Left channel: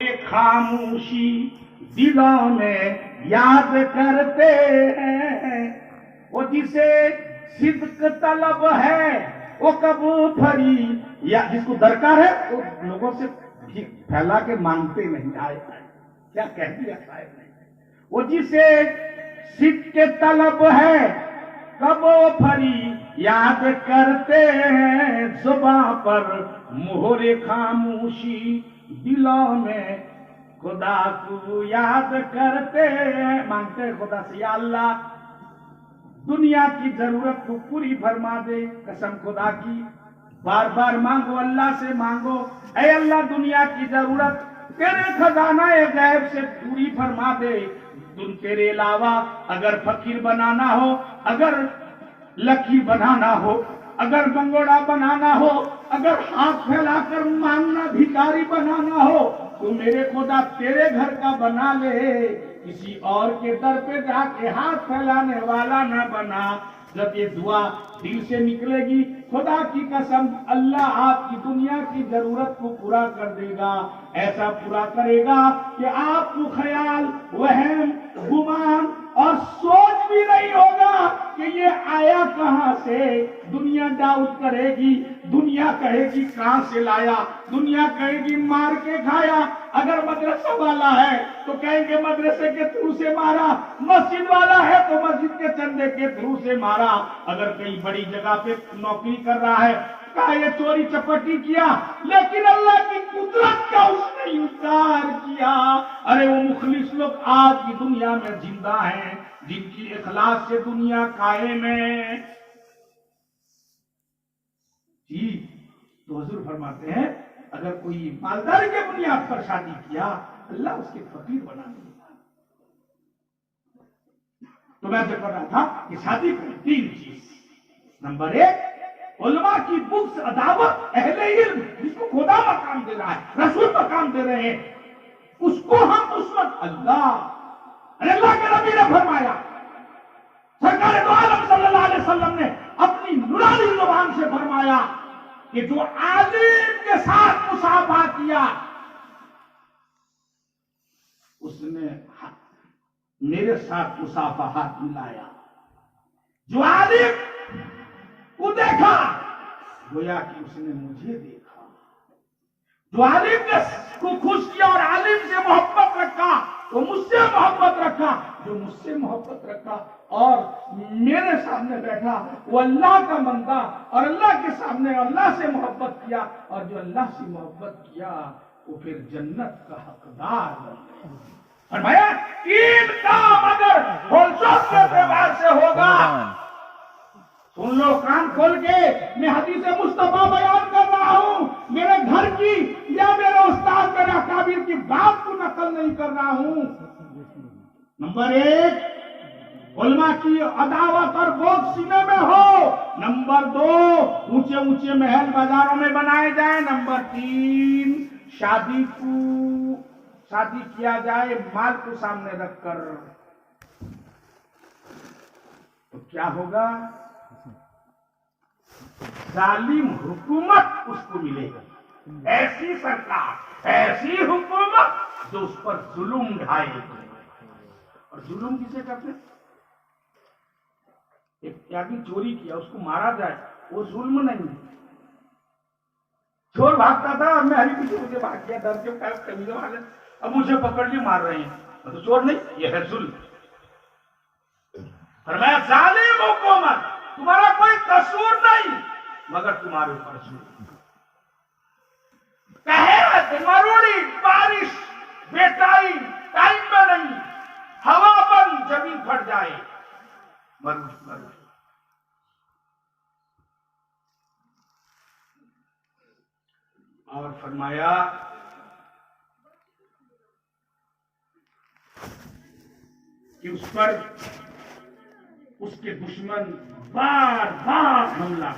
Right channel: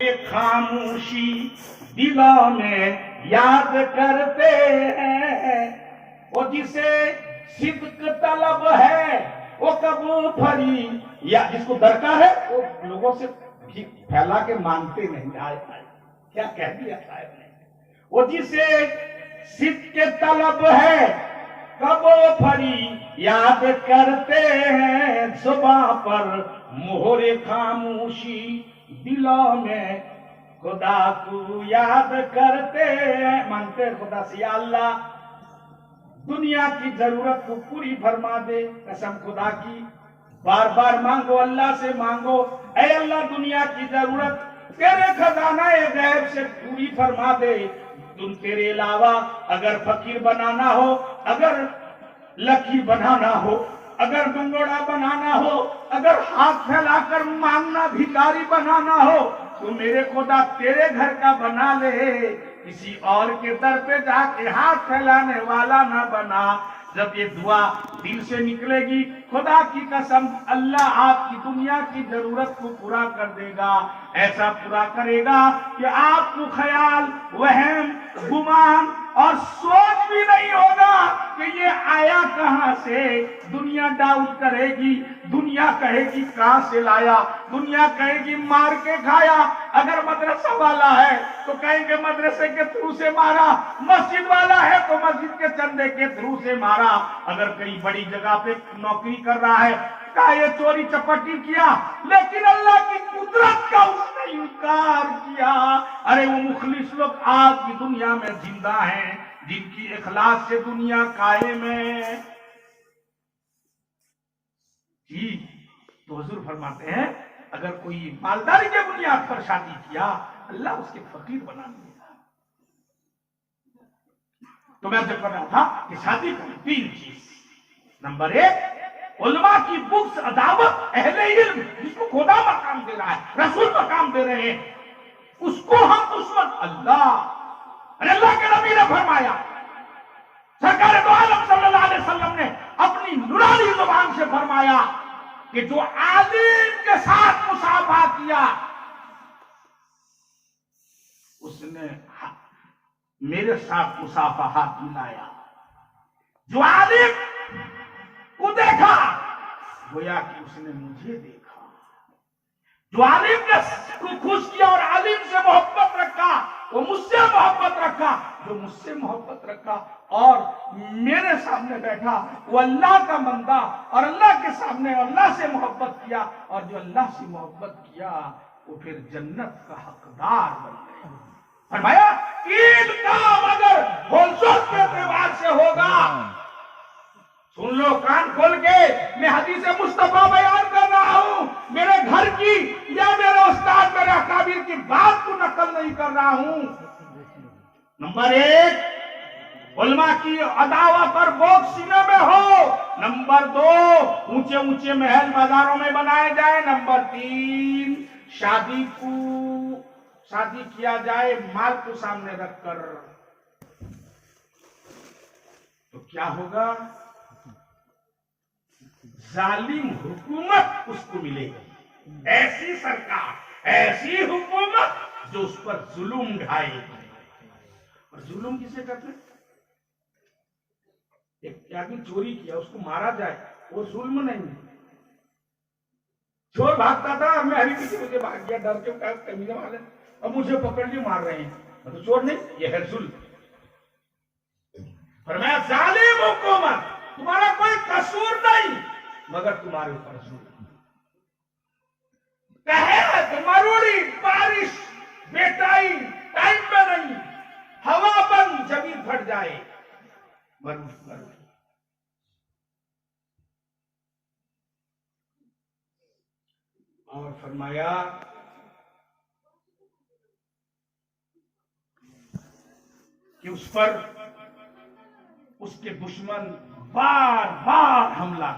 خاموشی دلوں میں یاد کرتے ہیں، وہ جسے صدق طلب ہے وہ کبو پھری، یا جس کو درکار ہے وہ لوگوں سے پھیلا کے مانگتے نہیں. آئے کیا کہہ دیا صاحب نے. وہ جسے صدق طلب ہے کبو پھری یاد کرتے ہیں، زباں پر مہر خاموشی دلوں میں خدا کو یاد کرتے ہیں. مانگتے خدا سے یا اللہ دنیا کی ضرورت کو پوری فرما دے. قسم خدا کی بار بار مانگو، اللہ سے مانگو، اے اللہ دنیا کی ضرورت تیرے خزانہ غیب سے پوری فرما دے. تیرے علاوہ اگر فقیر بنانا ہو، اگر لکی بنانا ہو، اگر منگوڑا بنانا ہو، اگر ہاتھ پھیلا کر مانگنا بھکاری بنانا ہو، تو میرے خدا تیرے گھر کا بنا لے، کسی اور کے در پہ جا کے ہاتھ پھیلانے والا نہ بنا. جب یہ دعا دل سے نکلے گی خدا کی قسم اللہ آپ کی دنیا کی ضرورت کو پورا کر دے گا. ایسا پورا کرے گا کہ آپ کو خیال، وہم، گمان اور سوچ بھی نہیں ہوگا کہ یہ آیا کہاں سے. دنیا ڈاؤٹ کرے گی، دنیا کہے گی کہاں سے لایا، دنیا کہے گی مار کے کھایا. اگر مدرسہ والا ہے تو کہیں گے مدرسے کے تھرو سے مارا، مسجد والا ہے تو مسجد کے چندے کے تھرو سے مارا. اگر کئی بڑی جگہ پہ نوکری کر رہا ہے کہا یہ چوری چپٹی کیا، لیکن اللہ کی قدرت کا اس نے انکار کیا. ارے وہ مخلص لوگ آج کی دنیا میں زندہ ہیں جن کی اخلاص سے دنیا قائم ہے. جی تو حضور فرماتے ہیں اگر کوئی مالداری کے بنیاد پر شادی کیا اللہ اس کے فقیر بنا دے گا. تو میں جو کر رہا تھا کہ شادی کو 3 چیز. نمبر 1 علماء کی بکس عداوت، اہل علم جس کو خدا مقام دے رہا ہے، رسول مقام دے رہے ہیں، اس کو ہم اس وقت اللہ کے نبی نے فرمایا، سرکار دو عالم صلی اللہ علیہ وسلم نے اپنی نورانی زبان سے فرمایا کہ جو عالم کے ساتھ مصافحہ کیا اس نے میرے ساتھ مصافحہ ملایا. جو عالم کو دیکھا گویا کہ اس نے مجھے دیکھا. جو عالم نے کو خوش کیا اور عالم سے محبت رکھا وہ مجھ سے محبت رکھا. جو مجھ سے محبت رکھا اور میرے سامنے بیٹھا وہ اللہ کا بندہ اور اللہ کے سامنے اللہ سے محبت کیا، اور جو اللہ سے محبت کیا وہ پھر جنت کا حقدار بن گیا. فرمایا عید کام اگر ہولسل کے اعتبار سے ہوگا، سن لو کان کھول کے، میں حدیث مصطفیٰ بیان کر رہا ہوں، میرے گھر کی یا میرے استاد میرے اکابر کی بات کو نقل نہیں کر رہا ہوں. نمبر 1 علماء کی عداوت اور بوجھ سینے میں ہو. نمبر 2 اونچے اونچے محل بازاروں میں بنائے جائیں. نمبر 3 شادی کیا جائے مال کو سامنے رکھ کر. تو کیا ہوگا؟ ظالم حکومت اس کو ملے گی، ایسی سرکار، ایسی حکومت جو اس پر ظلم ڈھائے. اور ظلم کسے کرتے ہیں؟ ایک آدمی چوری کیا اس کو مارا جائے وہ ظلم نہیں. چور بھاگتا تھا، میں ہری پیچھے مجھے بھاگ گیا ڈر کے، کمیزوں والے اب مجھے پکڑ لیے مار رہے ہیں، میں تو چور نہیں، یہ ہے ظلم. فرمایا ظالم حکومت تمہارا کوئی قصور نہیں مگر تمہارے اوپر ظلم. قحط، مروڑی، بارش، بیٹائی ٹائم میں نہیں، ہوا بند زمین پھٹ جائے، مرو. اور فرمایا کہ اس پر اس کے دشمن بار بار حملہ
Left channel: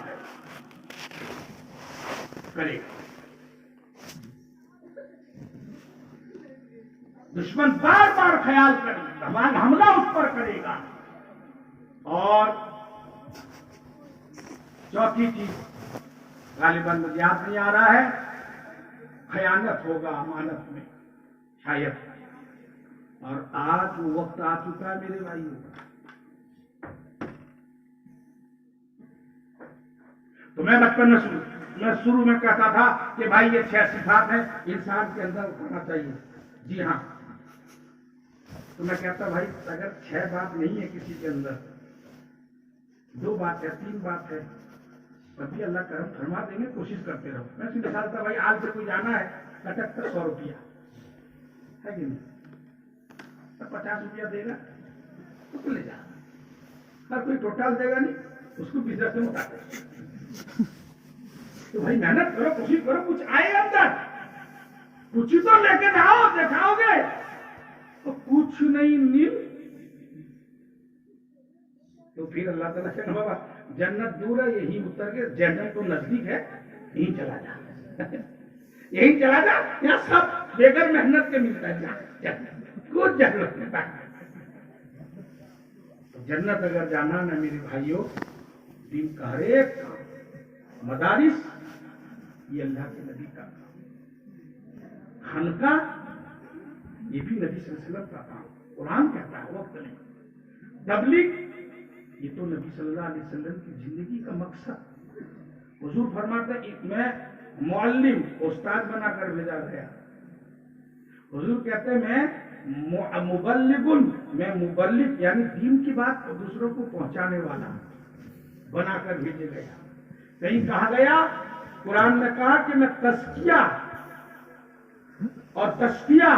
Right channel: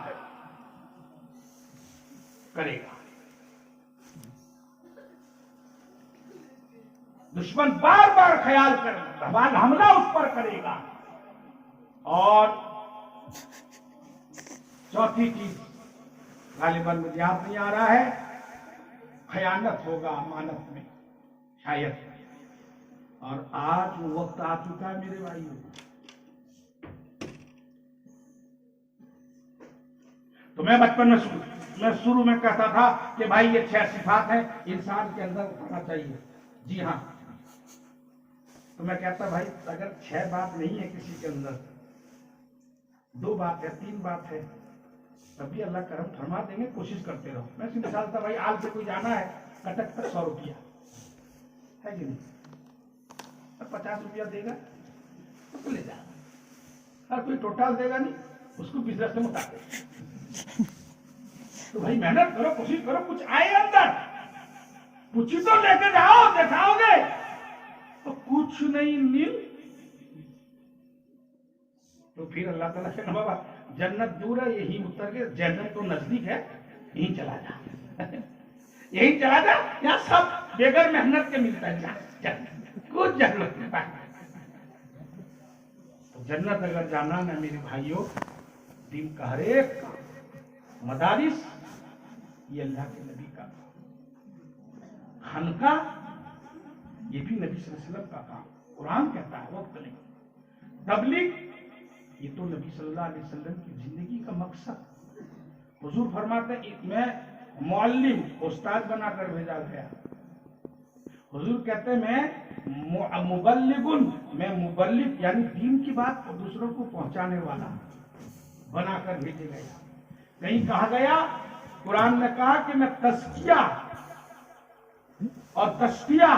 کرے گا. دشمن بار بار خیال کر حملہ اس پر کرے گا. اور چوتھی چیز غالباً مجھے یاد نہیں آ رہا ہے، خیانت ہوگا امانت میں. شاید. اور آج وہ وقت آ چکا ہے میرے بھائیوں. تو میں بچپن میں شروع میں کہتا تھا کہ بھائی یہ 6 صفات ہیں انسان کے اندر ہونا چاہیے. جی ہاں. تو میں کہتا بھائی اگر 6 بات نہیں ہے کسی کے اندر، 2 بات ہے، 3 بات ہے، تبھی اللہ کرم فرما دیں گے. کوشش کرتے رہو. میں سیدھے مثال تھا بھائی آج سے کوئی جانا ہے کٹک تک 100 روپیہ ہے کہ نہیں، 50 روپیہ دے گا تو لے جا. ہر کوئی ٹوٹل دے گا نہیں، اس کو بزنس میں اٹھاتے. تو بھائی محنت کرو، کوشش کرو، کچھ آئے اندر، کچھ تو لے کے جاؤ. دکھاؤ گے تو کچھ نہیں نیل. تو پھر اللہ تعالیٰ کہنا بابا جنت دور ہے یہی اتر کے، جنت تو نزدیک ہے یہیں چلا جا. یہیں چلا جا، یہاں سب بغیر محنت کے ملتا ہے. کچھ ضرورت نہیں. جنت اگر جانا نا میرے بھائیوں، دن کا ہر ایک کام، مدارس یہ اللہ کے نبی کا کام، خانقاہ یہ بھی نبی صلی اللہ علیہ وسلم کا کام. قرآن کہتا ہے وقت نہیں. تبلیغ یہ تو نبی صلی اللہ علیہ وسلم کی زندگی کا مقصد. حضور فرماتے ہیں میں معلم، استاد بنا کر بھیجا گیا. حضور کہتے ہیں میں مبلغن، میں مبلغ یعنی دین کی بات کو دوسروں کو پہنچانے والا بنا کر بھیجے گیا. کہیں کہا گیا قرآن نے کہا کہ میں تزکیہ اور تشفیہ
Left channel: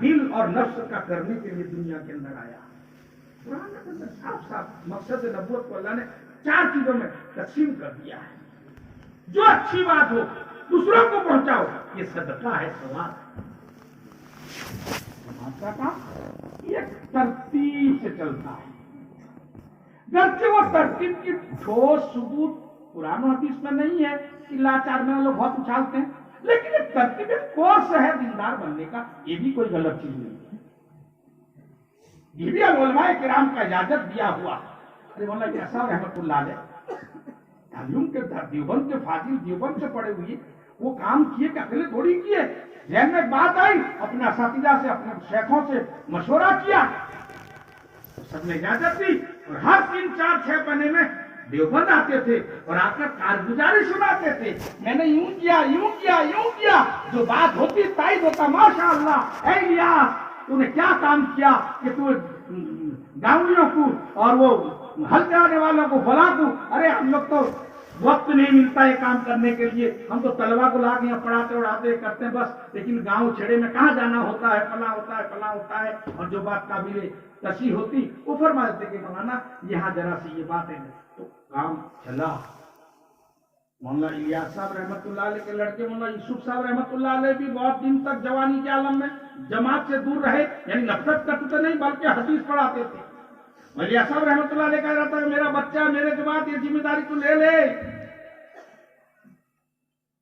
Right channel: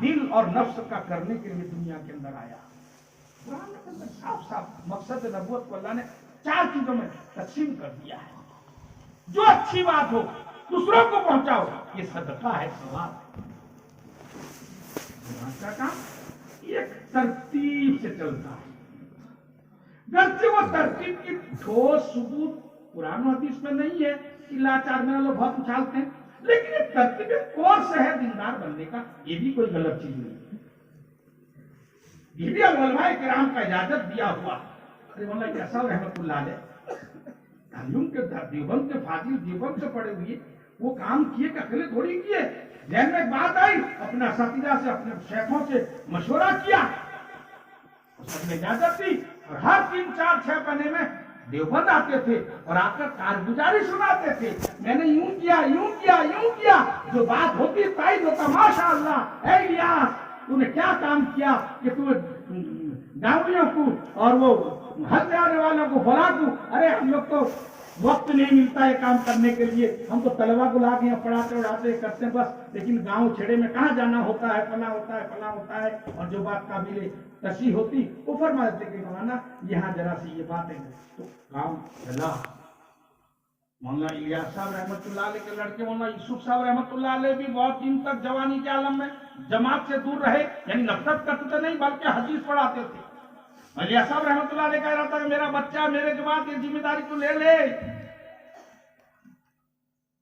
دل اور نفس کا کرنے کے لیے دنیا کے اندر آیا. قرآن کے اندر صاف صاف مقصد نبوت کو اللہ نے 4 چیزوں میں تقسیم کر دیا ہے. جو اچھی بات ہو دوسروں کو پہنچاؤ، یہ صدقہ ہے، ثواب ہے. کا کام یہ ترتیب سے چلتا ہے. گرچہ وہ ترتیب کی ٹھوس ثبوت قرآن و حدیث میں نہیں ہے کہ لاچار میں لوگ بہت اچھالتے ہیں، لیکن ایک ترتیب کورس ہے دیندار بننے کا. یہ بھی کوئی غلط چیز نہیں ہے. یہ بھی علماء کرام کا اجازت دیا ہوا. مولانا کیسا رحمت اللہ علیہ تعلیم کے دیوبند کے فاضل دیوبند سے پڑے ہوئے وہ کام کیے کہ اکیلے تھوڑی کیے. ذہن میں بات آئی، اپنے اساتذہ سے اپنے شیخوں سے مشورہ کیا، سب نے اجازت دی. اور ہر 3 4 6 مہینے میں دیوبند آتے تھے اور آ کر کارگزاری سناتے تھے. میں نے یوں کیا یوں کیا یوں کیا. جو بات ہوتی تائید ہوتا، ماشاء اللہ اے الیاس تو نے کیا کام کیا کہ تو گاؤں کو اور وہ ہل جانے والوں کو بلا دوں. ارے ہم لوگ تو وقت نہیں ملتا ہے کام کرنے کے لیے، ہم تو طلبا کو لا کے یہاں پڑھاتے اڑاتے کرتے ہیں بس. لیکن گاؤں چھڑے میں کہاں جانا ہوتا ہے، فلاں ہوتا ہے فلاں ہوتا ہے. اور جو بات قابل تشریح ہوتی وہ فرما دیتے کہ مولانا یہاں ذرا سی یہ بات ہے. تو کام چلا. مولانا الیاس صاحب رحمۃ اللہ علیہ کے لڑکے مولانا یوسف صاحب رحمۃ اللہ علیہ بھی بہت دن تک جوانی کے عالم میں جماعت سے دور رہے. یعنی نفرت کرتے نہیں بلکہ حدیث پڑھاتے تھے. الیاس صاحب رحمۃ اللہ علیہ کہہ رہا تھا میرا بچہ میرے جماعت یہ ذمہ داری کو لے لے.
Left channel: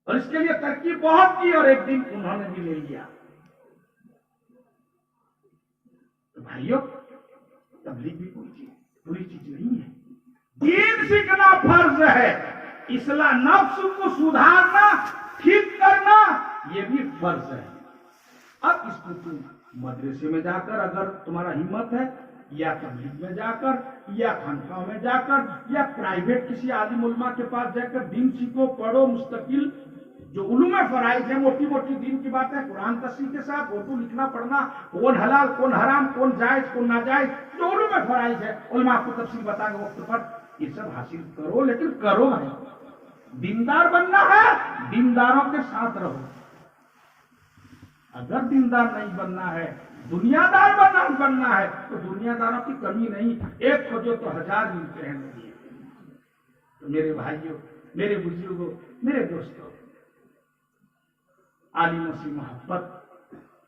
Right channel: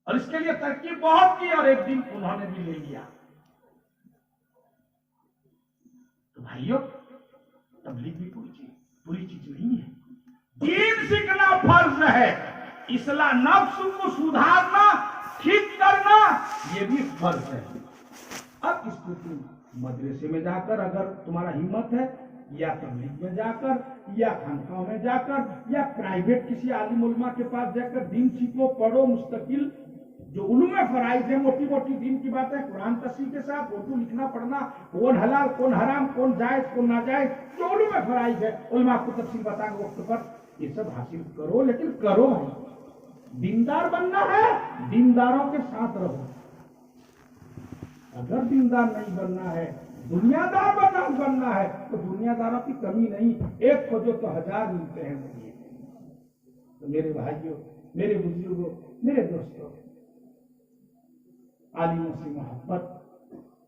اور اس کے لیے ترکیب بہت کی اور ایک دن انہوں نے بھی لے لیا. تو بھائیوں تبلیغ بھی کوئی چیز پوری چیز نہیں ہے. دین سیکھنا فرض ہے. اصلاح نفس کو سدھارنا ٹھیک کرنا یہ بھی فرض ہے. اب اس کو تم مدرسے میں جا کر اگر تمہارا ہمت ہے، یا تبلیغ میں جا کر، یا خانقاہ میں جا کر، یا پرائیویٹ کسی عالم علماء کے پاس جا کر دین سیکھو، پڑھو. مستقل جو علوم فرائض ہے، موٹی موٹی دین کی باتیں قرآن تفسیر کے ساتھ اردو لکھنا پڑھنا، کون حلال کون حرام کون جائز کون ناجائز، جو علوم فرائض ہے علماء کو تفصیل بتائیں گے وقت پر، یہ سب حاصل کرو. لیکن کرو نہیں. دیندار بننا ہے دینداروں کے ساتھ رہو. اگر دیندار نہیں بننا ہے، دنیا دار بننا ہے تو دنیا داروں کی کمی نہیں. ایک کھوجو تو 1000 ملتے ہیں. تو میرے بھائیوں، میرے بزرگوں، میرے دوستوں، عالموں سے محبت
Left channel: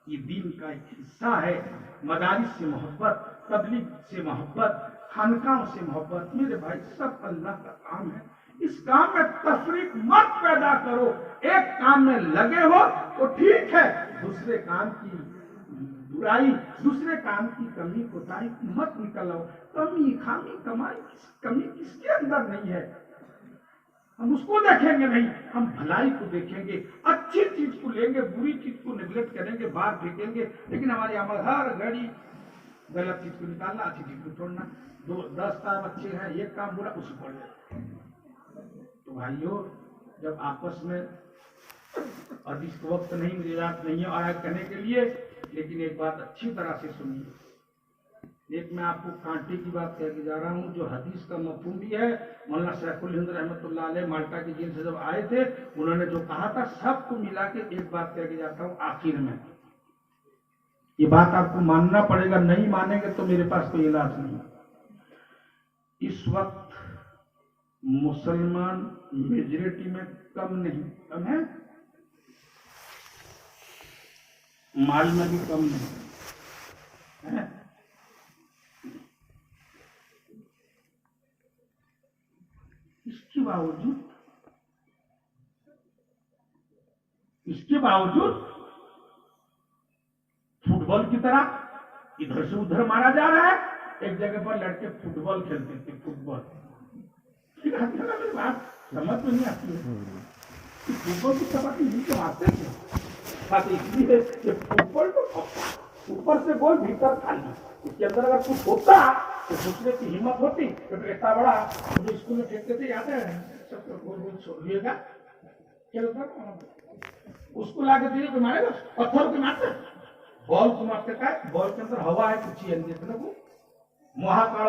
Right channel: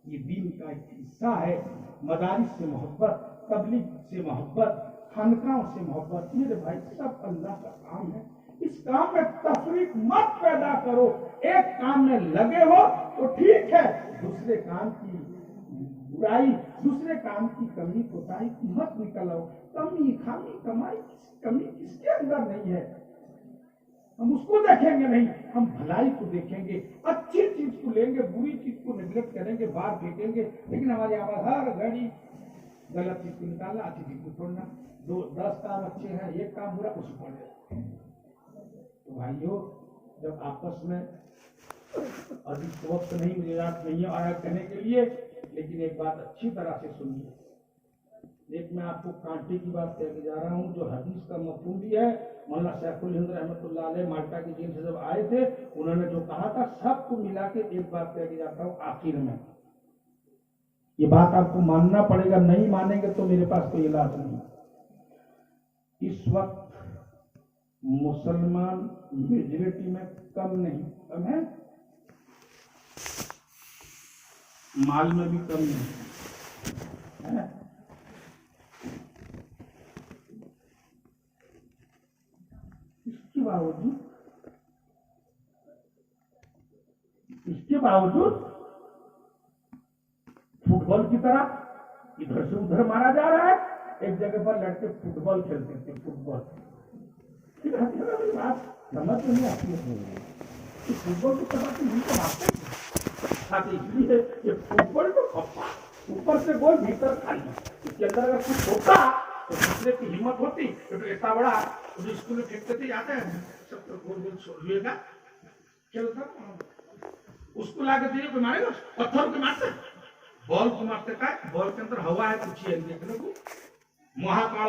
یہ دین کا ایک حصہ ہے. مدارس سے محبت، تبلیغ سے محبت، خانقاہوں سے محبت. میرے بھائی سب اللہ کا کام ہے. اس کام میں تفریق مت پیدا کرو. ایک کام میں لگے ہو تو ٹھیک ہے، دوسرے کام کی برائی، دوسرے کام کی کمی کوتاہی مت نکلو. کمی خامی کمائی کمی کس کے اندر نہیں ہے. ہم اس کو دیکھیں گے نہیں، ہم بھلائی کو دیکھیں گے، اچھی چیز کو لیں گے، بری چیز کو نیگلیکٹ کریں گے، باہر پھینکیں گے. لیکن ہمارے عمل ہر گھڑی غلط چیز کو نکالنا، اچھی چیز کو چھوڑنا. 10 کام اچھے ہیں، ایک کام برا، اس کو پڑھ. تو بھائیو، جب آپس میں ابھی وقت نہیں، مجھے نہیں ہے آیا کہنے کے لیے، لیکن ایک بات اچھی طرح سے سنیے. ایک میں آپ کو کانٹے کی بات کہہ کے جا رہا ہوں، جو حدیث کا مفہوم بھی ہے. مولانا سیف الہند رحمۃ اللہ علیہ مالٹا کی جیل سے جب آئے تھے، انہوں نے جو کہا تھا، سب کو ملا کے ایک بات کہہ کے جاتا ہوں آخر میں. یہ بات آپ کو ماننا پڑے گا، نہیں مانیں گے تو میرے پاس کوئی علاج نہیں. اس وقت مسلمان میجورٹی میں کم نہیں، کم ہے، مال میں بھی کم نہیں ہے. اس کے باوجود فٹ بال کی طرح ادھر سے ادھر مارا جا رہا ہے. ایک جگہ پر لڑکے فٹ بال کھیلتے تھے، فٹ بال. بات سمجھ میں نہیں آتی ہے کہ فٹ بال کی طرح نہیں مارتے تھے. اس لیے کہ فٹ بال تو اوپر سے گول بھیتر خالی، اس کے اندر اگر کچھ ہوتا تو دوسرے کی ہمت ہوتی. تو اتنا بڑا مجھے اسکول میں پھینکتے تھے، یاد ہے سب کو گول گول چھوڑیے گا چلتا. اس کو لا کے دیے کو مارے گا، پتھر کو مارتے، بال کو مارتے کا. بال کے اندر ہوا ہے کچھ دیکھنے کو. مہاکال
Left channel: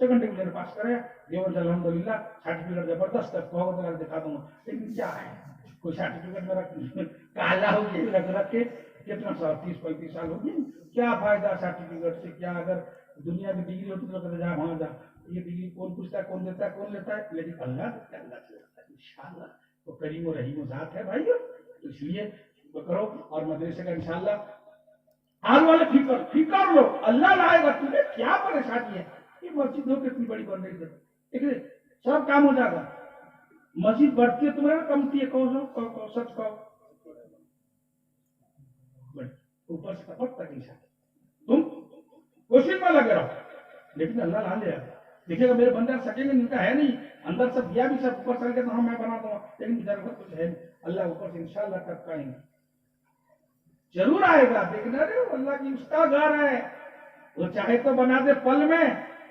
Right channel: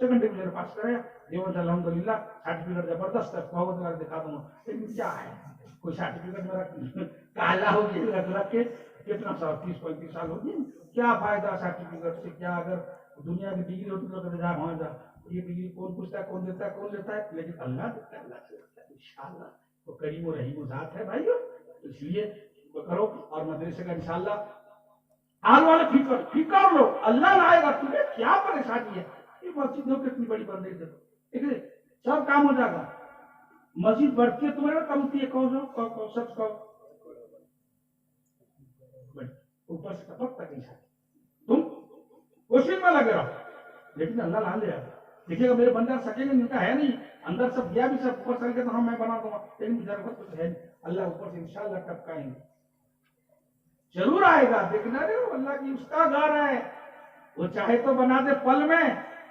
سیکنڈ ڈویژن پاس کرے دیور الحمدللہ سرٹیفکیٹ زبردست ہے کہو تو دکھا دوں گا لیکن کیا ہے کوئی سرٹیفکیٹ میرا کالا ہو گیا رکھ کے کتنا سال 30-35 سال ہو گئے کیا فائدہ سرٹیفکیٹ سے کیا اگر دنیا کی ڈگری ہوتی تو کہتے جا وہاں جا یہ ڈگری کون پوچھتا ہے کون دیتا ہے کون لیتا ہے لیکن اللہ دیتا ہے اللہ سے ہوتا ہے انشاءاللہ وہ کریم و رحیم و ذات ہے بھائیو اس لیے وہ کرو اور مدرسے کا انشاءاللہ آنے والے فکر لو اللہ لائے گا تمہیں کیا پریشانی ہے یہ مسجد دیکھو کتنی بڑی بن رہی ہے ٹھیک ہے سب کام ہو جائے گا مسجد بڑھتی ہے تمہیں کمتی ہے کون سچ کہو اوپر سے ٹپک تک نہیں سکتے تم کوشش میں لگے رہو لیکن اللہ لا لے رہا دیکھیے گا میرے بندے سکیں گے ان کا ہے نہیں اندر سب دیا بھی سب اوپر چل کے تو ہاں میں بنا دوں لیکن ادھر وقت ہے اللہ اوپر سے انشاءاللہ ٹپکائیں گے ضرور آئے گا دیکھنا رہے اللہ کی اس کا گھر ہے وہ چاہے تو بنا دے پل میں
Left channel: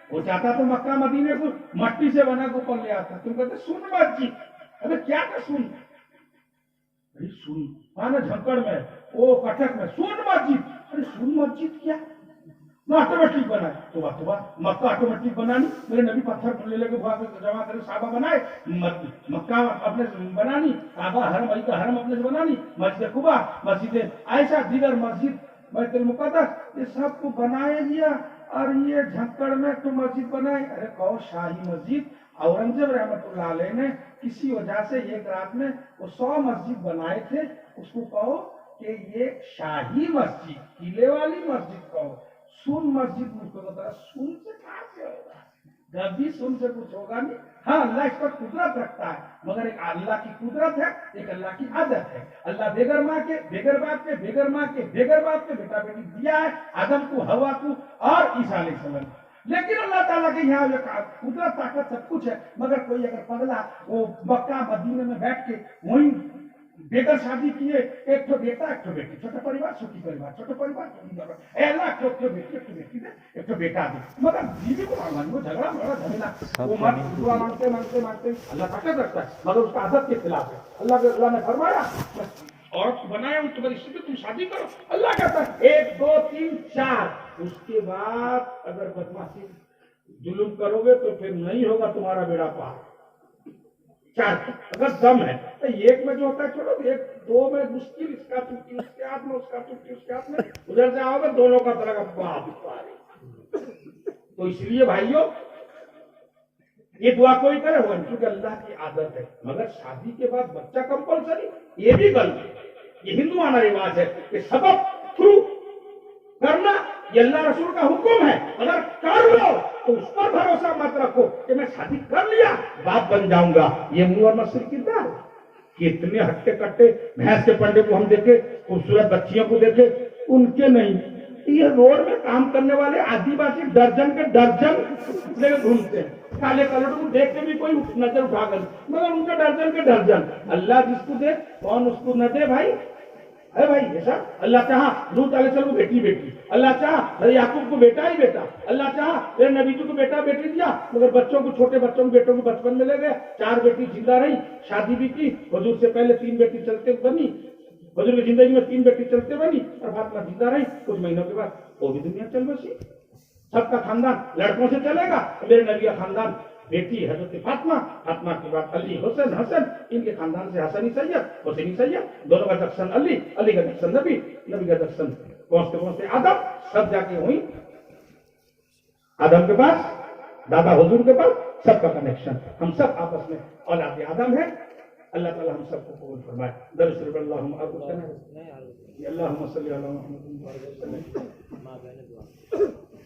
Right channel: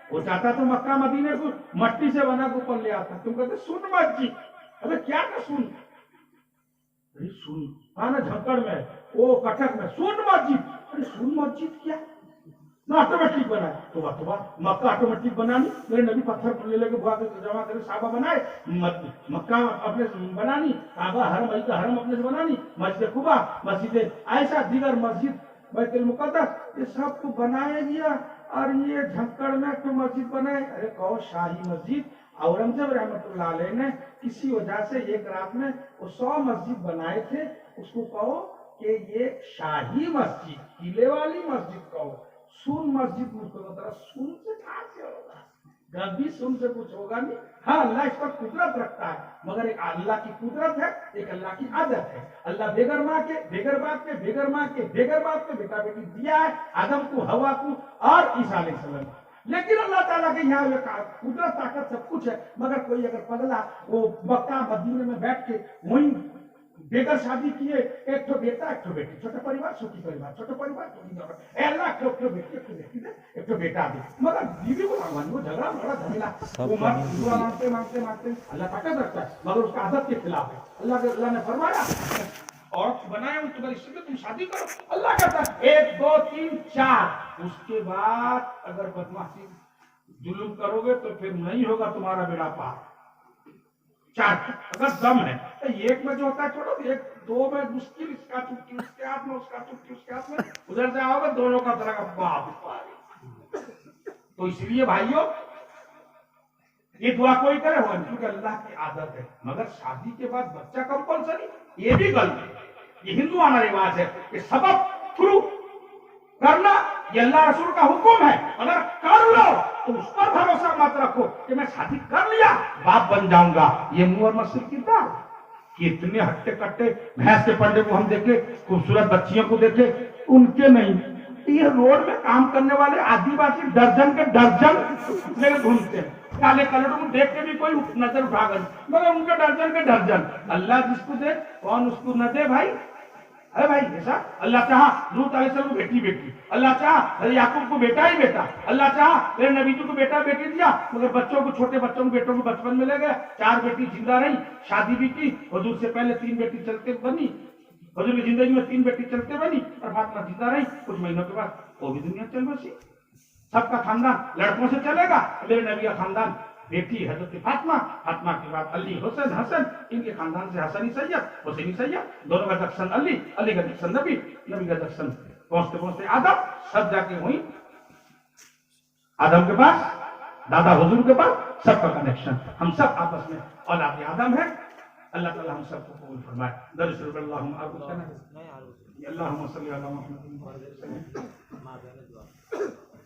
وہ چاہتا تو مکہ مدینے کو مٹی سے بنا کے اوپر لے آتا تم کہتے سن مسجد ابے کیا کہ سن سن جھکڑ میں وہ کٹک میں سن مسجد ارے سن مسجد کیا نہ آٹومیٹک بنا تو مکہ آٹومیٹک بنانی میرے نبی پتھر لے کے جمع کرے صحابہ بنائے مکہ اپنے سے بنانی کعبہ حرم علی کا حرم اپنے سے بنانی مسجد قباء مسجد عائشہ دیگر مسجد بیت المقدس یہ سب کو بنایا گیا اور یہ جھکڑ میں تو مسجد بنائے ارے کہو شاہی مسجد اورنگزیب رحمت اللہ علیہ نے کسی وجہ سے ایک رات میں وہ 100 مسجد بنائے تھے اس کو کہو کہ یہ شاہی مسجد قلعے والی مسجد کہو سن مسجد مجھ کو بتا سن سے کہاں سے ہوگا کبھی سن سے کچھ ہوگا نہیں ہاں اللہ اس پر قدرت رکھتا ہے مگر ایک اللہ کی قدرت ہے ایک اللہ کی عادت ہے اللہ بغیر ماں کے بغیر باپ کے بغیر ماں کے بغیر باپ کے بیٹا بیٹی دیا ہے آدم کو ہوا کو اور عیسیٰ علیہ السلام لیکن اللہ تعالیٰ کے یہاں قدرت طاقت سب کچھ ہے مگر کوئی اگر پگلا وہ مکہ مدینے میں بیٹھ کے وہیں بغیر شادی کیے ایک تو بیٹا ایک تو بیٹی چھوٹا پریوار سکھی پریوار چھوٹا پریوار اے اللہ ایک تو بیٹی ایک تو بیٹی دے ایک تو بیٹا دے مگر بیوی کو مانگوانی وہ جھگڑا بڑا جھمیلا وہ مرد دعا مانگتے مانگتے مانگتے اللہ طاقت رکھتا ہے مگر اس کا عادت کے خلاف ہے اللہ نے فرمایا عورت بنایا ہوں تمہاری اسی میں تم شادی کرو اللہ کہتا ہے 1 2 3 4 اس کے بعد اگر بدمعاشی ظلم کرو گے تو پھر نہیں ہوگا تمہارا بیڑا پار 4 اگر دم ہے تو ایک میں جو ہوتا ہے چھوڑو 1 2 میں مشکل اس کا چوٹی اس کے ہاتھ میں اس کا چوٹی اس کے ہاتھ میں ادھر سے آؤ گے دونوں کا طرح کا باپ تو اس لیے بھائیوں یہ دعا کوئی کرے ہوا کیونکہ اللہ کی عادت ہے مگر شادی کے بعد بچہ کمپلسری یہ بھی غلط ہے یہ ہندوانہ رواج ہے کہ سبب تھرو کرنا یہ اللہ رسول کا حکم ہے اگر کر لو تو اس پر بھروسہ مت رکھو کہ میں شادی کر لیا باپ بن جاؤں گا یہ منہ اور مسجد کی بات کتنے ہٹے کٹے بھینس کے پنڈے کو ہم دیکھے خوبصورت بچیوں کو دیکھے ان کے نہیں یہ روڈ میں کام کرنے والے آدی باسی درجن کے درجن لے گھومتے ہیں کالے کلروں کو دیکھ کے بھی کوئی نظر اٹھا کر مگر ان کے درجن اللہ جس کو دے کون اس کو نہ دے بھائی ہے بھائی ایسا اللہ چاہا لوط علیہ السلام کو بیٹی اللہ چاہا یعقوب کو بیٹا ہی بیٹا اللہ چاہا میرے نبی جی کو بیٹا بیٹی دیا مگر بچوں کو چھوٹے بچوں کو بیٹوں کو بچپن میں لے گیا 4 بیٹی زندہ رہی شادی بھی کی حضور سے پہلے 3 بیٹی چلتے بنی حضور کی زندگی میں 3 بیٹی چلتے بنی اور فاطمہ زندہ رہی کچھ مہینوں کے بعد وہ بھی دنیا چل بسی سب کا خاندان لڑکوں سے چلے گا میرے نبی کا خاندان بیٹی حضرت فاطمہ کے بعد علی حسن ان کے خاندان سے حسنی سید دونوں کا جکشن علی کا جکشن نبی کا جکشن پہنچتے آدم سب جا کے ہوئی آدم کے پاس دادا حضور کے پاس سب کا کنیکشن ہم سب آپس میں اولاد آدم ہے اللہ تعالی ہم سب کو قبول فرمائے درود شریف اللہم صلی علی محمد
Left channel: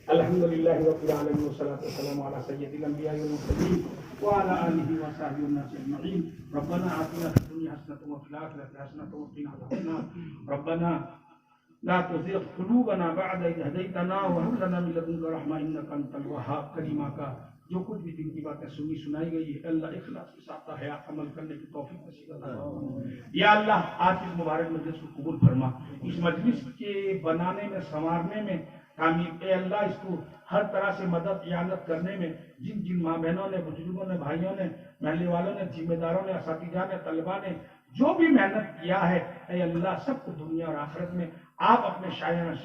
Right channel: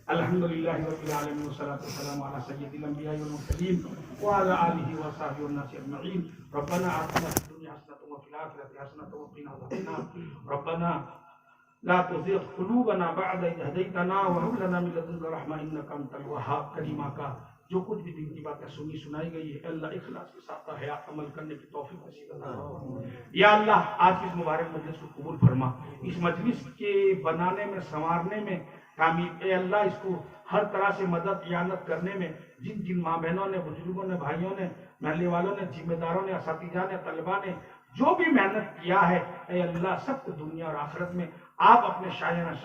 الحمد للہ رب العالمین والصلاة والسلام علی سید الانبیاء والمرسلین وعلی آلہ وصحبہ والناس اجمعین ربنا آتنا فی الدنیا حسنة وفی الآخرة حسنة وقنا عذاب النار ربنا لا تزغ قلوبنا بعد إذ هديتنا وهب لنا من لدنك رحمة إنك أنت الوهاب کریمہ کا جو کچھ بھی دن کی باتیں سنائی گئی ہے اللہ اخلاص کے ساتھ حیات عمل کرنے کی توفیق نصیب فرما یا اللہ آج اس مبارک مجلس کو قبول فرما اس مجلس کے بنانے میں سنوارنے میں تعمیر اے اللہ اس کو ہر طرح سے مدد اعانت کرنے میں جن ماں بہنوں نے بزرگوں نے بھائیوں نے محلے والوں نے ذمہ داروں نے اساتذہ نے طلباء نے جو بھی محنت کیا ہے اے اللہ سب کو دنیا اور آخرت میں آپ اپنے شایانہ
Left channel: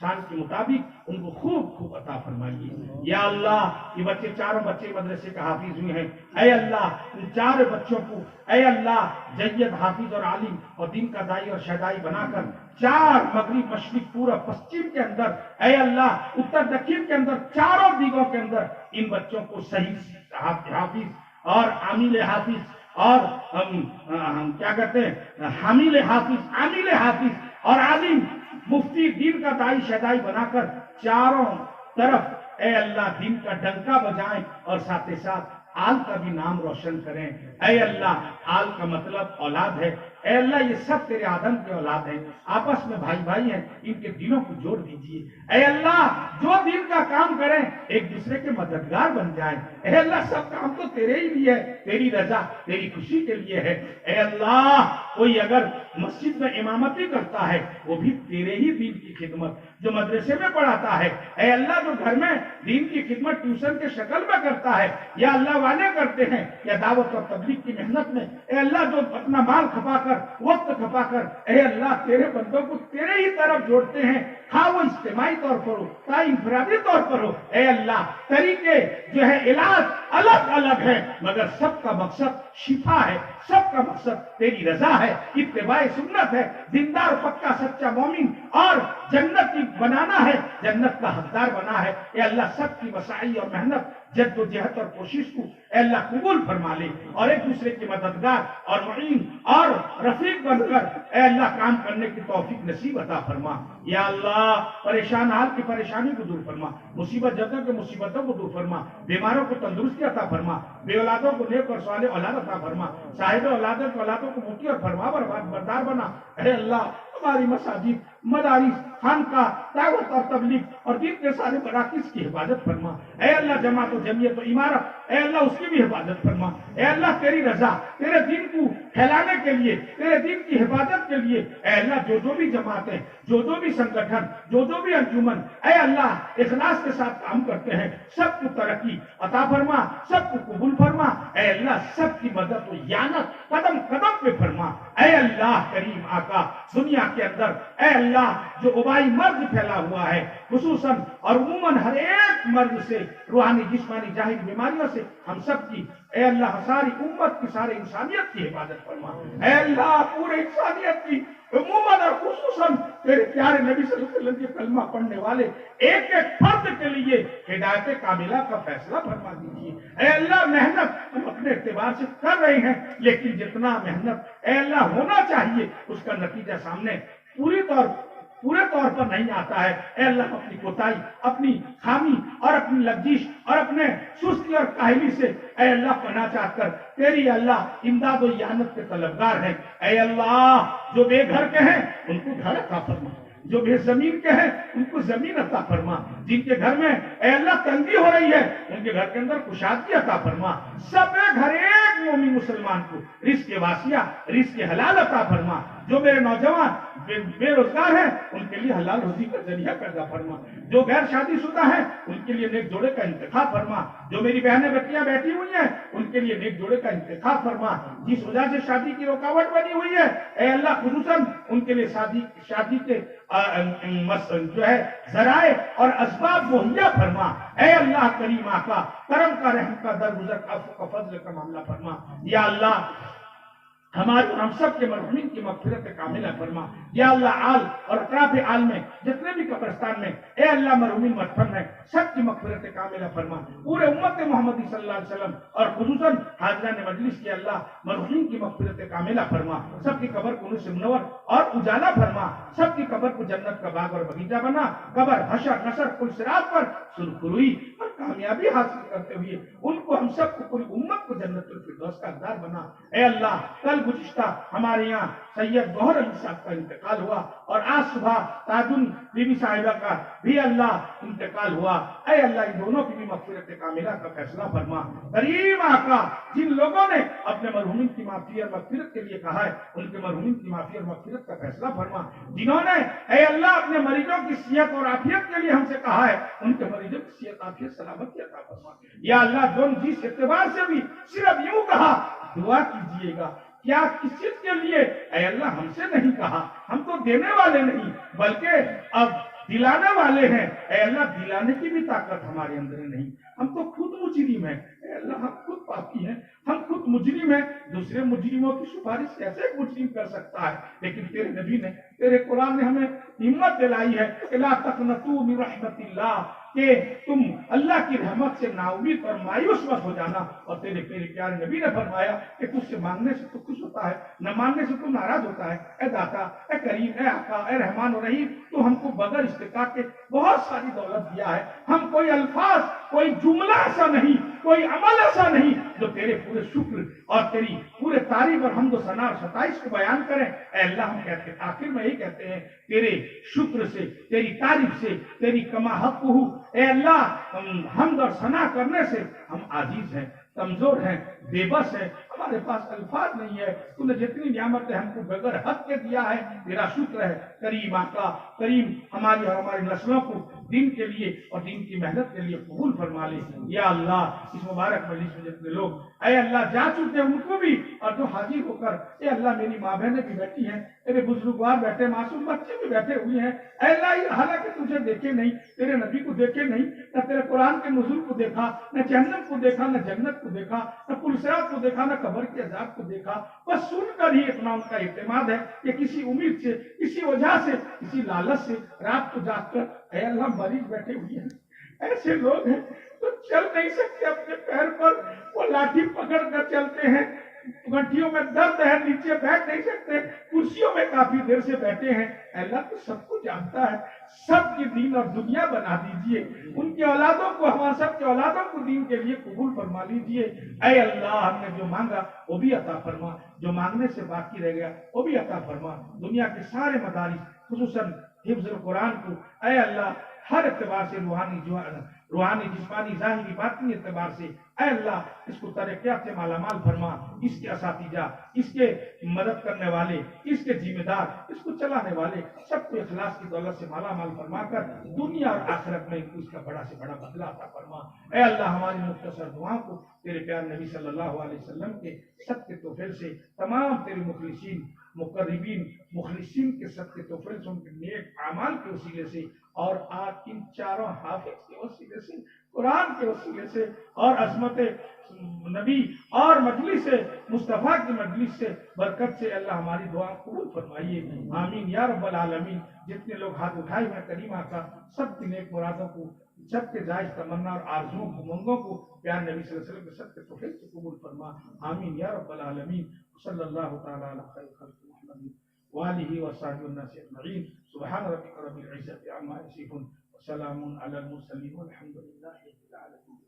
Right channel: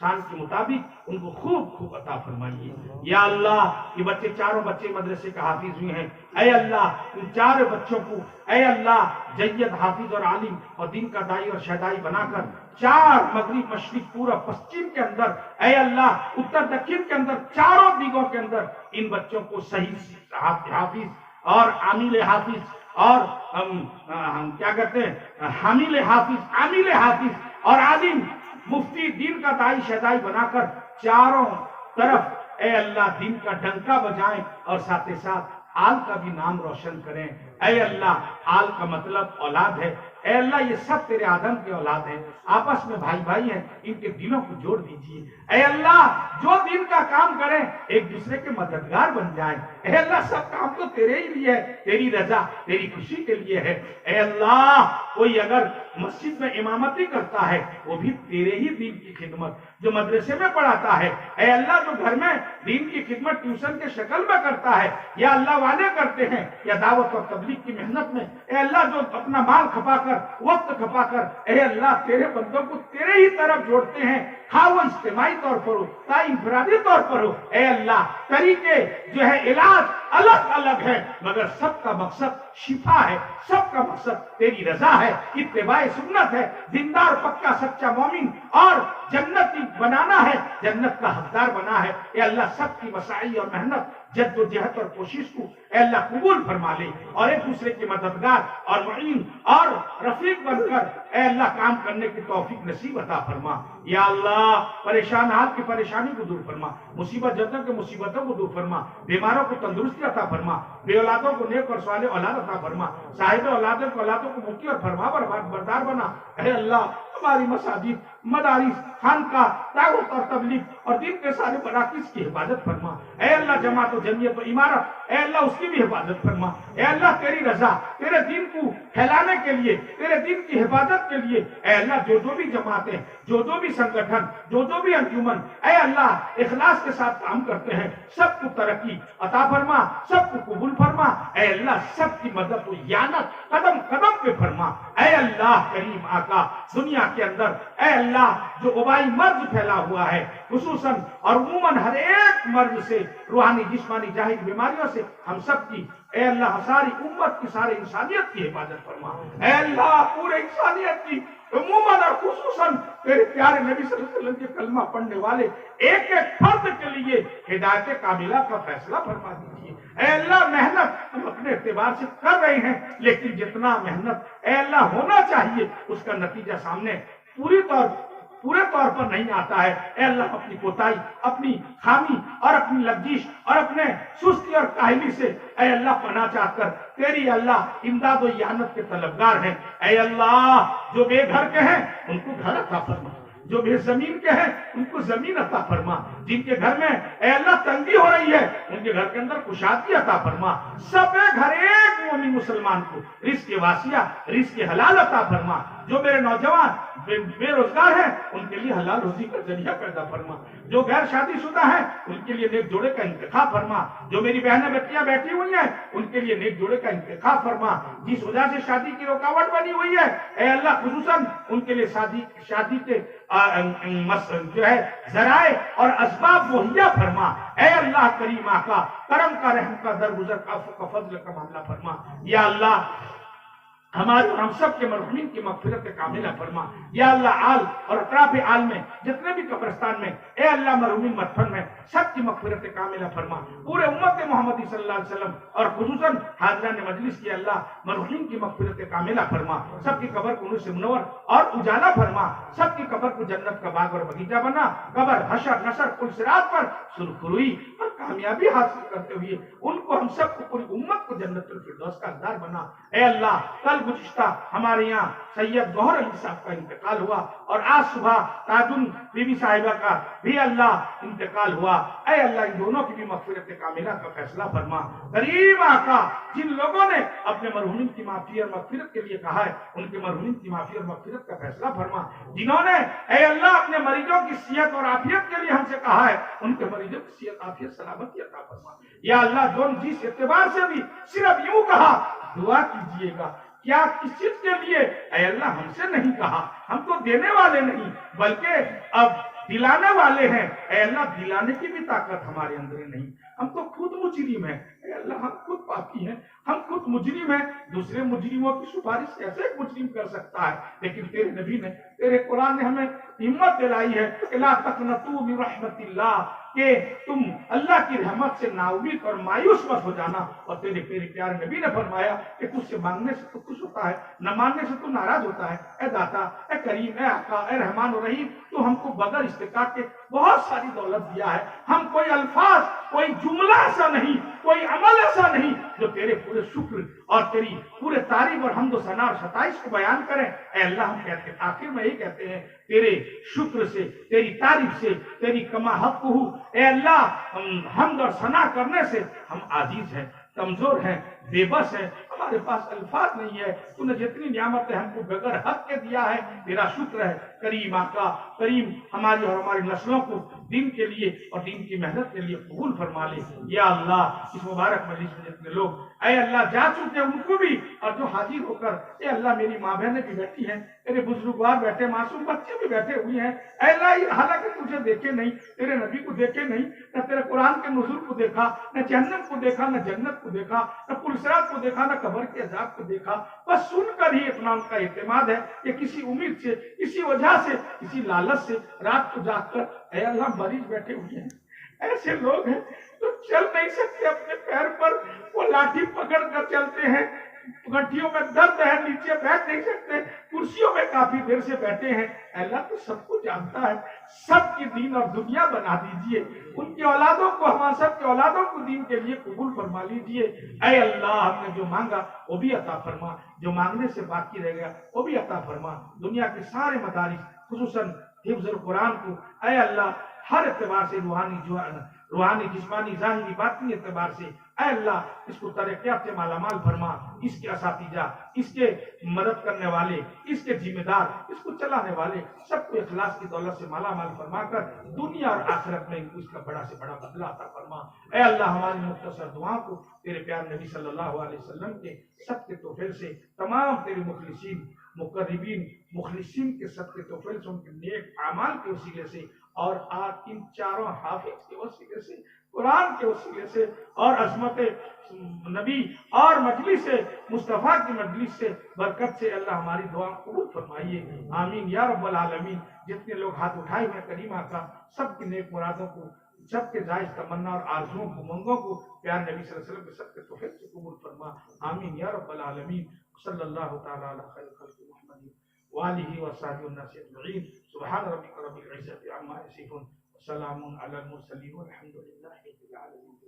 شان کے مطابق ان کو خوب خوب عطا فرمائیے۔ یا اللہ یہ بچے چاروں بچے مدرسے کا حافظ ہوئے ہیں، اے اللہ ان چار بچوں کو اے اللہ جید حافظ اور عالم اور دین کا دائی اور شہدائی بنا کر چار مغرب مشرق پورب پشچم کے اندر اے اللہ اتر دکن کے اندر چاروں دیگوں کے اندر ان بچوں کو صحیح حافظ اور عامل حافظ اور کیا کہتے ہیں حامل حافظ عامل حافظ اور عالم مفتی دین کا دائی شہدائی بنا کر چاروں طرف اے اللہ دین کا ڈنکا بجائیں اور ساتھ ہی ساتھ آل کا بھی نام روشن کریں۔ اے اللہ آل کا مطلب اولاد ہے، اے اللہ یہ سب تیرے آدم کے اولاد ہیں، آپس میں بھائی بھائی ہیں، ان کے دلوں کو جوڑ دیجیے۔ اے اللہ جو دین کا کام کریں ایک دوسرے کے مددگار بن جائیں۔ اے اللہ سب کام تو تیرے ہی لیے ہے، تیری رضا تیری خوشی کے لیے ہے۔ اے اللہ کوئی اگر مسجد میں امامتی کرتا ہے وہ بھی تیرے ہی دین کی خدمت، جو مدرسے میں پڑھاتا ہے اے اللہ جو گھر میں دین کی خدمت ٹیوشن کے شکل میں کرتا ہے یا اللہ والے کرتے ہیں یا دعوت اور تبلیغ کی محنت میں اے اللہ جو اپنا مال کھپا کر وقت کھپا کر اے اللہ تیرے بندوں کو تیرے ہی طرف جوڑتے ہیں، خواہ وہ اجتماعی طور پر ہو یا انفرادی طور پر ہو، اے اللہ طریقے جو ہے علاج الگ الگ ہے مگر سب کا مقصد شفا ہے، سب کا مقصد تیری رضا ہے، اتباع سنت ہے، دیندار پکا سچا مومن اور جنت بنانا ہے، جنت کا حقدار بنا ہے۔ اے اللہ سب کی مساعی اور محنت جد و جہد اور کوشش کو اے اللہ قبول فرما لے اور ایک دوسرے کی مددگار اور معین اور رفیق بن کر اے اللہ کام کرنے کی توفیق نصیب عطا فرما۔ یا اللہ پریشان حال کی پریشانی کو دور فرما، مصیبت جتوں کے مصیبتوں کو دور فرما، بیماروں کو تندرستی عطا فرما، بے اولادوں کو نیک اور صالح اولاد عطا فرما، صاحب اولادوں کو اولادوں کو مفتی اور فرما بردار بنا۔ اے اللہ ہماری مساجد مدارس خانقاہ دعوت اور تبلیغ اور دین کے سارے مراکز کی حفاظت فرما۔ اے اللہ جماعت و جمعیت و عمارت اے اللہ اس کی بھی حفاظت فرما۔ اے اللہ تیری رضا تیرے دین کو پھیلانے کے لیے تیرے دین کی حفاظت کے لیے اے اللہ جو بھی جماعتیں جو بھی سنگٹھن جو بھی انجمن اے اللہ اخلاص کے ساتھ کام کرتے ہیں سب کو ترقی عطا فرما، سب کو قبول فرما۔ اے اللہ سب کی مدد و اعانت قدم قدم پہ فرما۔ اے اللہ کریم آقا دنیا کے اندر اے اللہ جو وبائی مرض پھیلا ہوا ہے خصوصاً اور عموماً ہر ایک مرض سے روحانی جسمانی ظاہری بیماریوں سے ہم سب کی اے اللہ ساری امت کی ساری انسانیت کی حفاظت فرما۔ اے اللہ پورے انسانیت کی عموماً اور خصوصاً تیرے پیارے نبی صلی اللہ علیہ وسلم کے کلمہ پڑھنے والے ایک ایک فرد کے لیے ہدایت کاملہ کا فیصلہ فرما دیجیے۔ اے اللہ محنت ہم اپنے اعتبار سے کر رہے ہیں لیکن جتنا محنت اے اللہ ہونا چاہیے اس کا نتیجہ سامنے پورے طور پر نہیں آتا ہے۔ اے اللہ اپنی کوتاہی اپنی خامی اور اپنی لغزش اور اپنے سستی اور کاہلی سے اے اللہ پناہ چاہ کر تیری اللہ امداد و اعانت کے طلبگار ہیں۔ اے اللہ جو بے گھر کے ہیں ان کو گھر عطا فرما، جو بے زمین کے ہیں ان کو زمین عطا فرما، جن کے گھر میں اے اللہ تنگی ہو رہی ہے ان کے گھر کے اندر کشادگی عطا فرما، سب گھر ایک مومن مسلمان کو رزق واسعہ رزق حلال عطا فرما، جو میرے نوجوان بے روزگار ہیں ان کے لیے حلال روزی کا ذریعہ پیدا فرما، جو غیر شادی شدہ ہیں ان کے لیے نیک جوڑے کا انتخاب فرما، جو میری بہنیں بیٹیاں بیٹھی ہوئی ہیں ان کے لیے نیک جوڑے کا انتخاب فرما، جس وجہ سے شادی کی رکاوٹ بنی ہوئی ہے اے اللہ خصوصاً ان کے لیے شادی کے جو ہے ذرائع اور اسباب مہیا فرما۔ اے اللہ کریم آقا کرم کا رحم کا درگزر کا عفو کا فضل کا معاملہ فرما۔ یا اللہ ہمارے ہم سب کے مرحومین کی مغفرت کاملہ فرما۔ یا اللہ آل اور اطراف آل میں جتنے بھی قبرستان میں اے اللہ مرحومین مدفن میں سب کی مغفرت کاملہ فرما، پورے امت محمدی صلی اللہ علیہ وسلم اور خصوصاً حاضران مجلس کی اللہ مرحومین کی مغفرت کاملہ فرما، سب کی قبر کو نور سے منور اور اجالا فرما، سب کی قبر کو جنت کا باغ اور باغیچہ بنا، قبر حشر نشر پل صراط پر سرخروئی اور کامیابی حاصل کرتے ہوئے ان کو ہم سب کو پوری امت کو جنت الفردوس کا حقدار بنا۔ اے اللہ کل گزشتہ ہمارے یہاں سید ظہر علی صاحب کا انتقال ہوا اور آج صبح تاجن بی بی صاحبہ کا بھی اللہ انتقال ہوا۔ اے اللہ ان دونوں کی بھی مغفرت کاملہ کا فیصلہ فرما۔ کریم آقا جن لوگوں نے اپنے مرحومین کی معافی اور مغفرت کے لیے کہا ہے ان کے مرحومین کی معافی اور مغفرت کا فیصلہ فرما، جنہوں نے اے اللہ اپنے مریضوں کی صحت اور عافیت کے لیے ہم سے کہا ہے ان کے مریضوں کی صحت عافیت سلامتی عطا فرما۔ یا اللہ جو جس اعتبار سے بھی صرف یوں کہا دعا کیجیے گا کیا کس چیز کے لیے؟ اے اللہ ہم سے نہیں کہا، ہم تو دینے والے نہیں بلکہ اب دلانے والے ہیں۔ اے اللہ دلانے کی بھی طاقت ہمارے اندر نہیں، ہم تو خود مجرم ہیں۔ اے اللہ ہم خود پاپی ہیں، ہم خود مجرم ہیں، دوسرے مجرموں کی سفارش کیسے ایک مجرم کر سکتا ہے؟ لیکن تیرے نبی نے، تیرے قرآن نے ہمیں ہمت دلائی ہے کہ لا تقنطوا من رحمت اللہ، کہ تم اللہ کی رحمت سے نا امید اور مایوس مت ہو جانا۔ اور تیرے پیارے نبی نے فرمایا کہ تجھ سے مانگنے سے تو خوش ہوتا ہے، نہ مانگنے سے تو ناراض ہوتا ہے۔ اے داتا، اے کریم، اے آقا، اے رحمان و رحیم، تو ہم کو بغیر استطاعت کے بہت ساری دولت دیا ہے، ہم کوئی الفاظ، کوئی جملہ ایسا نہیں، کوئی عمل ایسا نہیں جو تیرے پورے شکر اور تیری پورے تعریف اور حمد و ثنا اور ستائش کو بیان کریں۔ اے اللہ ہم کہتے ہیں، آخر میں یہی کہتے ہیں، تیرے شکر سے، تیری تعریف سے، تیری کما حق ہو، اے اللہ حمد اور ثنا کرنے سے ہم عاجز ہیں، کمزور ہیں، بے بس ہیں، ہمارے پاس الفاظ نہیں ہے۔ تو نے جتنی نعمتیں ہم کو بغیر حق کے دیا ہے، تیرا شکر ہے۔ کریم آقا، کریم ہماری اور ہماری نسلوں کو دین کے لیے اور دین کی محنت کے لیے قبول فرما لے۔ یا اللہ اس مبارک مجلس میں جتنے لوگ اے اللہ جا چکے ہیں ان کو بھی، اور جو حاضر ہو کر اے اللہ میری ماں بہنیں بھی بیٹھی ہیں، میرے بزرگوار بیٹھے، معصوم بچے بھی بیٹھے ہوئے ہیں، اے اللہ یہ حالانکہ تجھے دیکھے نہیں، تیرے نبی کو دیکھے نہیں، نہ تیرے قرآن کے نزول کو دیکھا، نہ جہنم کو دیکھا، نہ جنت کو دیکھا، نہ پلسرات کو دیکھا، نہ قبر کے عذاب کو دیکھا، بس سن کر ہی اتنا ان کا اعتماد ہے کہ کسی امید سے، کسی وجہ سے، کسی لالچ سے رات کو جاگ کر اے اللہ مریض بیٹھے ہوئے ہیں۔ ایسے لوگ ہیں تو چل نہیں سکتے اپنے پیر پر، وہ لاٹھی پکڑ کر چلتے ہیں، گٹھیوں میں درد ہے، نیچے بیٹھ نہیں سکتے، کرسیوں میں کافی دیر سے بیٹھے ہیں۔ اللہ تو سب کو جانتا ہے، سب کی دین اور دنیا بنا دیجئے، ان کے اولادوں کو، ہمارے سب کے اولادوں کو دین کے لیے قبول فرما لیجئے۔ اے اللہ ہم نے جو مانگا وہ بھی عطا فرما، جو مانگنے سے باقی رہ گیا وہ بھی عطا فرما۔ دنیا کے سارے مدارس خصوصاً حفظ القرآن کو اے اللہ ہر اعتبار سے، روحانی جسمانی ظاہری باطنی اعتبار سے اے اللہ اس کو ترقیات سے مالا مال فرما، اس کے اساتذہ، اس کے مدد کرنے والے، اس کے ذمہ دار، اس کو چلانے والے سب کو اخلاص کی دولت سے مالا مال فرما کر دنیا اور آخرت میں اس کا بڑا سے بڑا بدلہ عطا فرما۔ اے اللہ ہماری مختصر دعاؤں کو تیرے پیارے نبی صلی اللہ علیہ وسلم کے سب کے توفیل سے، تمام تیرے مخلصین، مقربین، مخلصین کے سب کے توفیل سے، ان کے نیک اعمال کے وسیلے سے، اور آج ان چاروں حافظ کے وسیلے سے، قرآن کے وسیلے سے، اور عظمت نبی اور مجلس مصطفیٰ کی مجلس سے برکت سے اللہ ہماری دعا قبول فرمائیے۔ آمین یا رب العالمین۔ جتنے لوگ ہاتھ اٹھائے ہوئے کریم آقا سب کی نیک مرادوں کو، سب کے جائز تمنا اور آرزوؤں کو، منگوں کو پیار نبی صلی اللہ علیہ وسلم کے سب کے توفیق سے قبول فرما۔ آمین یا رب العالمین۔ صلی اللہ تعالی علی خیر خلق محمد وآلہ وصحبہ الناس اجمعین۔ سبحان ربک رب العزۃ عما یصفون وسلام علی المرسلین والحمد للہ رب العالمین۔